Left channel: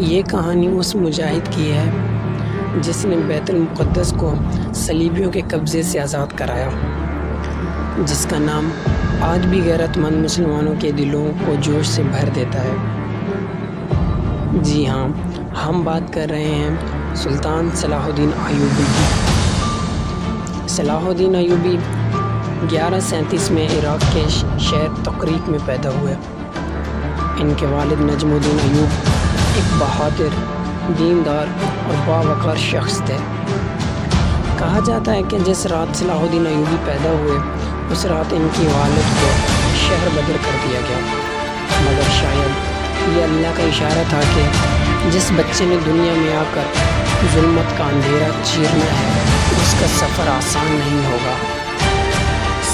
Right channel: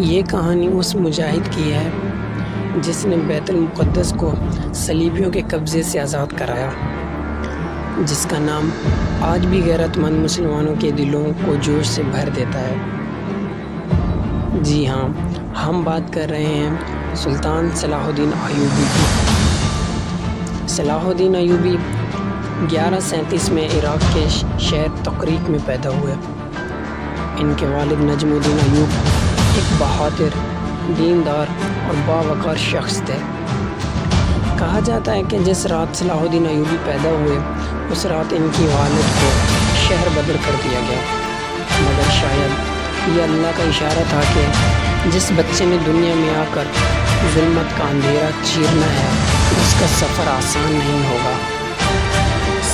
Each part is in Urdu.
یہ کہانی اس مجاہد کی ہے جس نے بیت المقدس کو صلیبیوں کے قبضے سے آزاد کرایا، جس کا نام آج بھی غیرت مند مسلمانوں کے دلوں کو جوش سے بھر دیتا ہے۔ جی ہاں، ہم بات کر رہے ہیں سلطان صلاح الدین ایوبی کی۔ صلاح الدین ایوبی 1137 میں عراق کے شہر تقریق میں پیدا ہوئے۔ ان کے والد نجم الدین ایوب ایک بہادر، دیندار اور باوقار شخص تھے۔ کہا جاتا ہے کہ جس رات صلاح الدین ایوبی پیدا ہوئے اس رات ان کی والد کو شہر بدر کر دیا گیا، مگر شاید یہ اللہ کا اشارہ تھا کہ جس بچے نے دنیا میں آ کر ظلمت کا اندھیرا چیرنا ہے اس کا سفر آسان نہیں ہوگا۔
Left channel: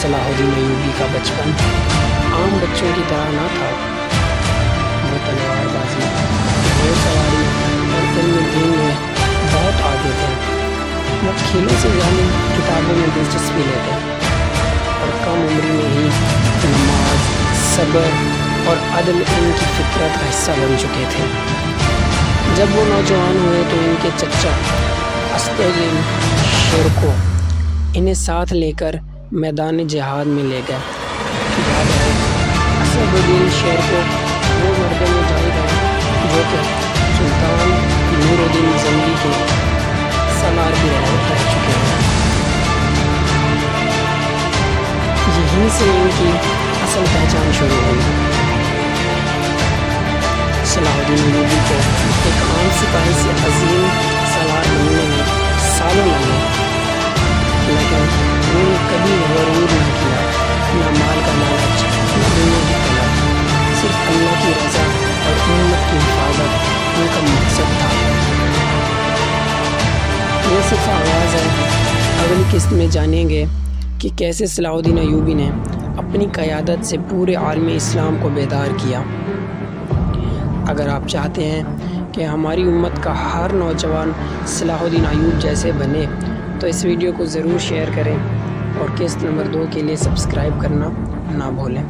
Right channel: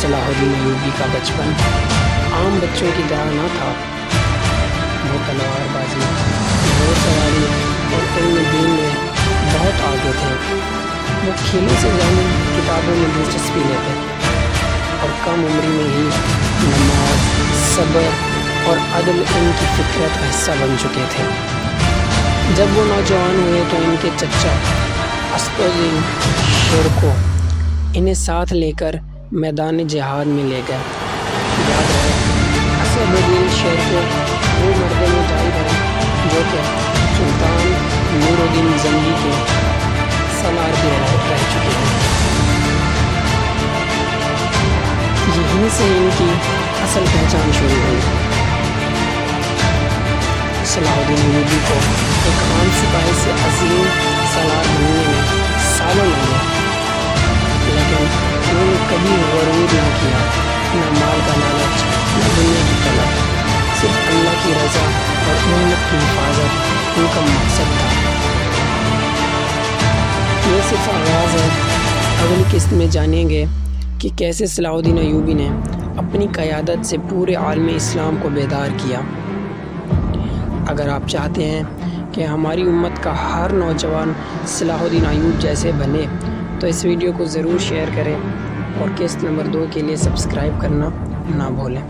صلاح الدین ایوبی کا بچپن عام بچوں کی طرح نہ تھا۔ وہ تلوار بازی، گھوڑ سواری اور علم دین میں بہت آگے تھے۔ وہ کھیلوں سے زیادہ کتابوں میں دلچسپی لیتے اور کم عمری میں ہی نماز، صبر اور عدل ان کی فطرت کا حصہ بن چکے تھے۔ جب وہ نوجوان ہوئے تو ان کے چچا اسد الدین شیرکو انہیں ساتھ لے کر میدان جہاد میں لے گئے۔ یاد ہے، اسد الدین شیرکو وہ مرد مجاہد ہیں جو کہ سلطان نور الدین زنگی کے سالار بھی رہ چکے ہیں۔ یہیں سے ان کی اصل پہچان شروع ہوئی۔ صلاح الدین ایوبی کو ایک عام سپاہی سے عظیم سالار بننے میں سالوں لگے، لیکن انہوں نے کبھی غرور نہ کیا، نہ مال کا لالچ، نہ دنیا کی طلب۔ صرف اللہ کی رضا اور امت کی حفاظت ان کا مقصد تھا۔ یہ صرف آغاز ہے، اگلی قسط میں جانیں گے کہ کیسے صلاح الدین ایوبی نے اپنی قیادت سے پورے عالم اسلام کو بیدار کیا۔ اگر آپ چاہتے ہیں کہ ہماری امت کا ہر نوجوان صلاح الدین ایوب جیسے بنے تو اس ویڈیو کو ضرور شیئر کریں اور قسط نمبر 2 کے لیے سبسکرائب کرنا نہ بھولیں۔